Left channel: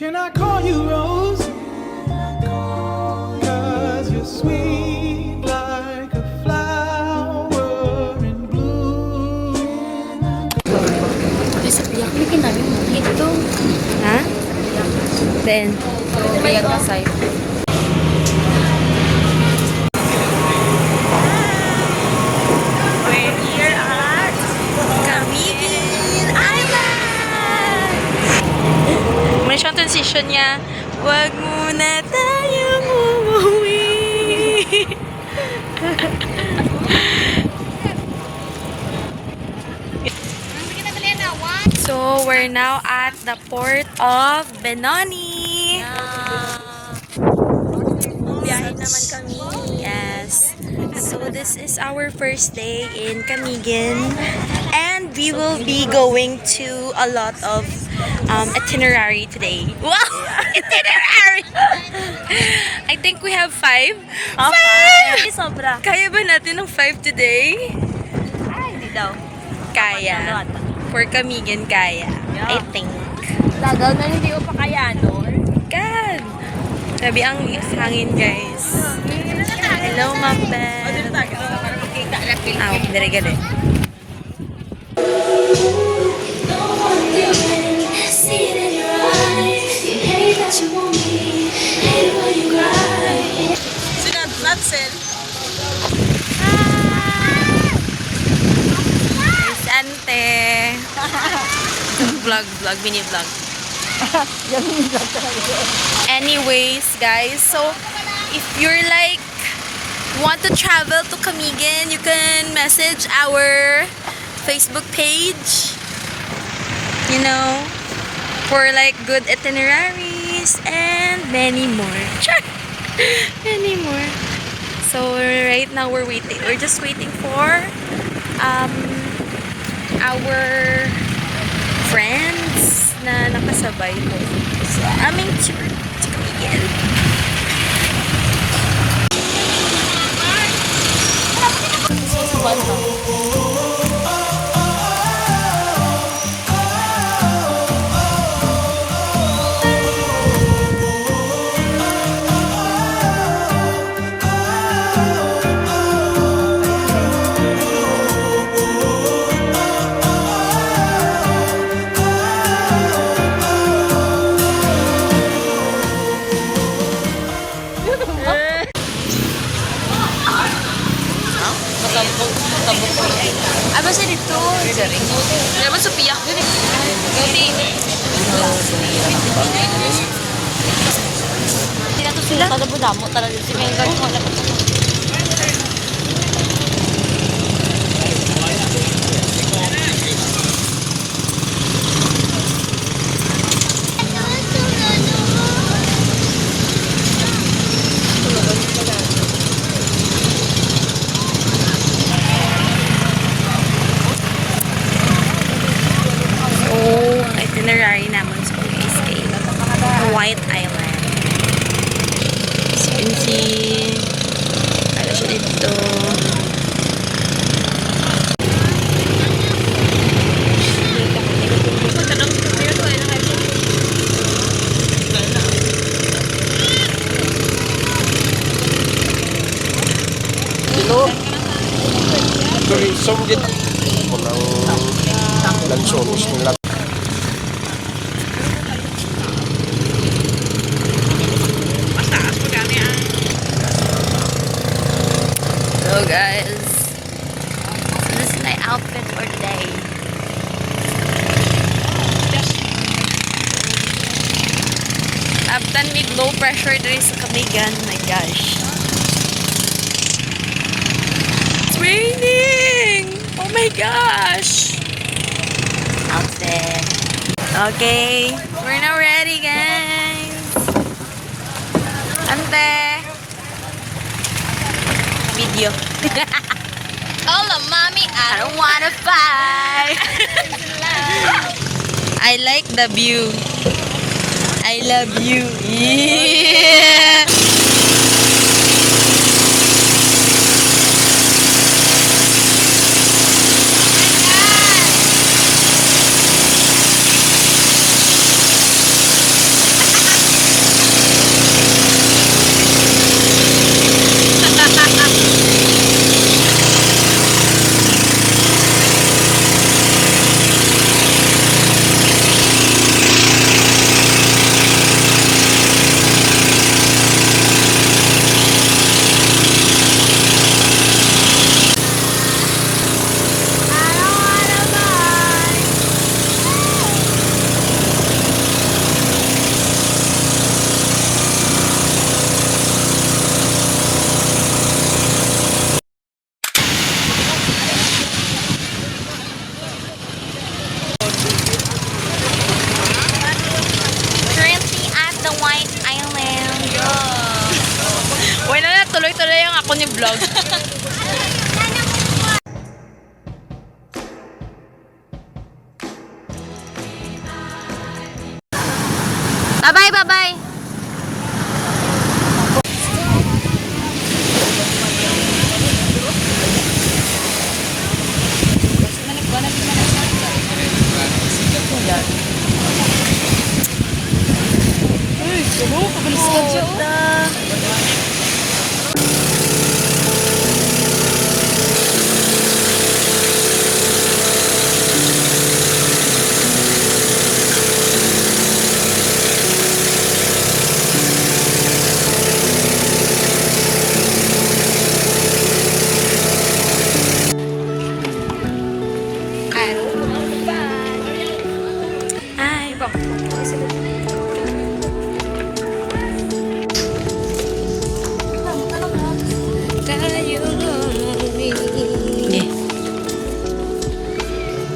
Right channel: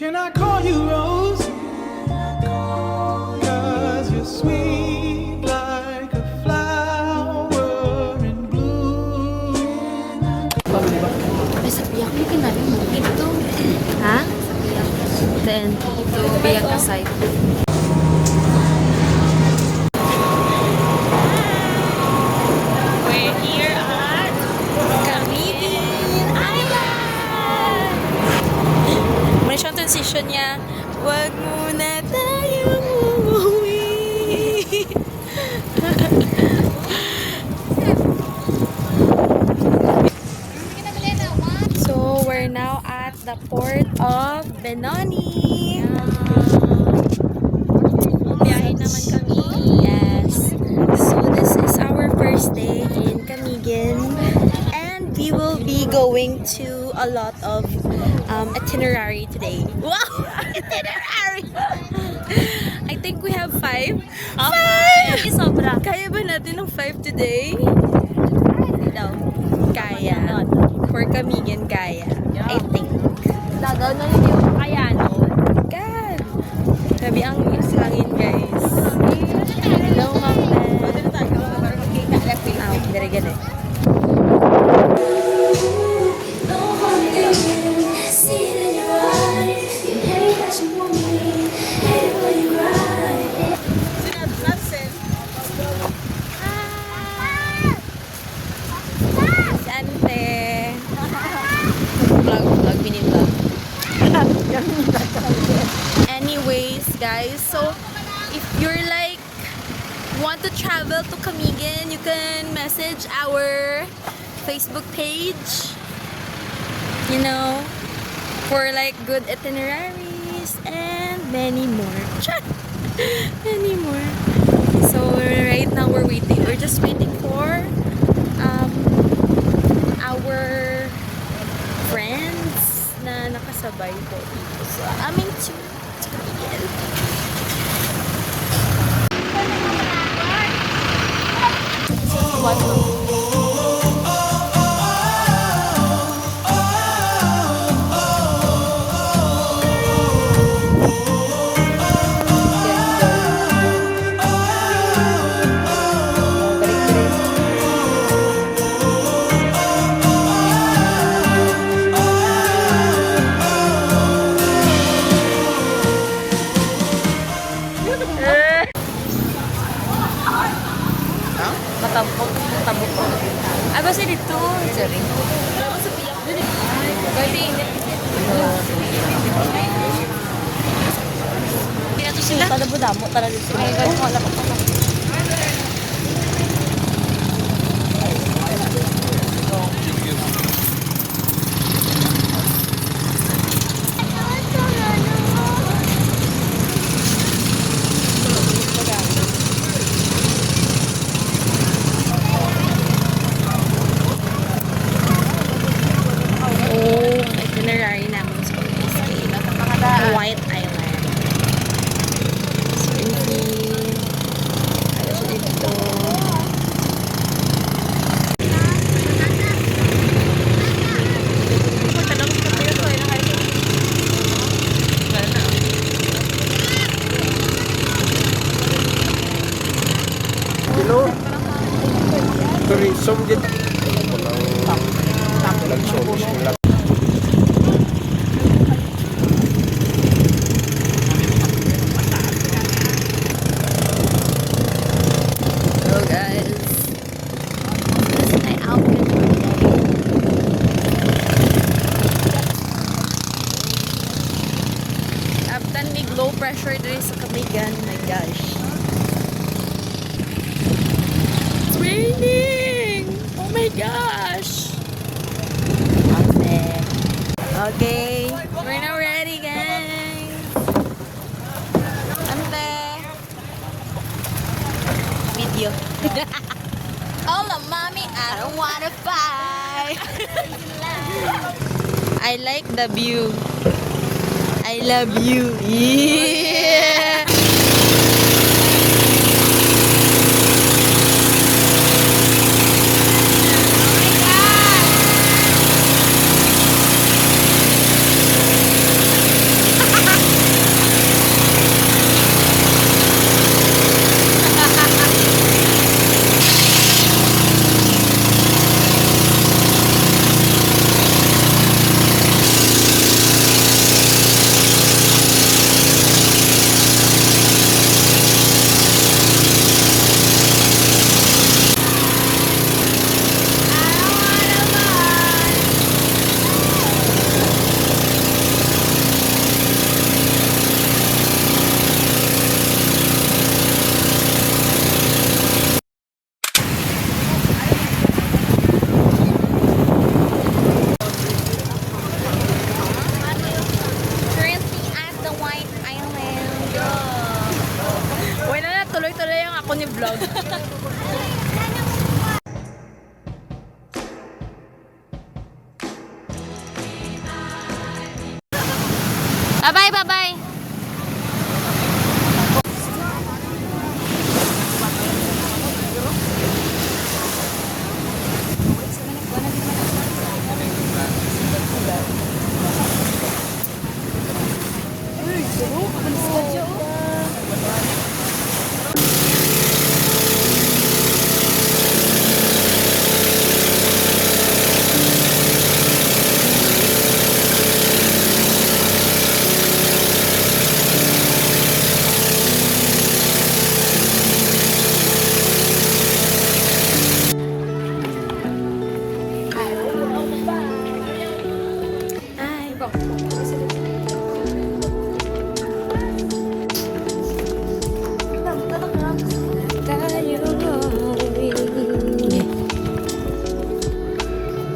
Can I call you Rose? 'Cause you're sweet like a flower in bloom. Ay, sa piyak mo kinabi mo dito. Ha? Then, piyak ka sa'yo. We're here at Camiguin Island! Muna siyang transition niya. Wag muna tayong umuwi. So, we're now at the port of Benoni. Yes. So, this is our first day in Camiguin. And we will be going to a lot of itinerary today. Wow! Itinerary! I think we have 5. 5! Sobra. Kaya ba natin ng 5 today? Daw. Kaya. For Camiguin, kaya. I think. Dagaw na hindi ko kaya nun. God! Sabi ang hangin, guys. Hello, Ma'am Ben. Ah, dire gani. Sante. Vlog, mini vlog. Anyways, guys, so if you're like want to travel to Camiguin, you can message our Facebook page, you know, for like good itineraries and many more. Many more. So right now we're just waiting for our friends na nakasabay. So aming tour to Camiguin. Ano siya dito? Naman sa piyak yun eh. Hindi na ito sila. Tadabo-damo talaga si Mega. Wala pa ito. White Island. So, yun wala siya dito. So guys, this is my outfit for today. I've done with no pressure there sa Camiguin. My gosh. It's raining! Oh my gosh! Outfit. Okay, we're now ready, guys. Ante. Video. Hola, mommy. I don't wanna fight. I like the view. I love you. Yeah. Bye-bye, bye-bye. Ay,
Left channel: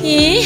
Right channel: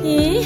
Eh.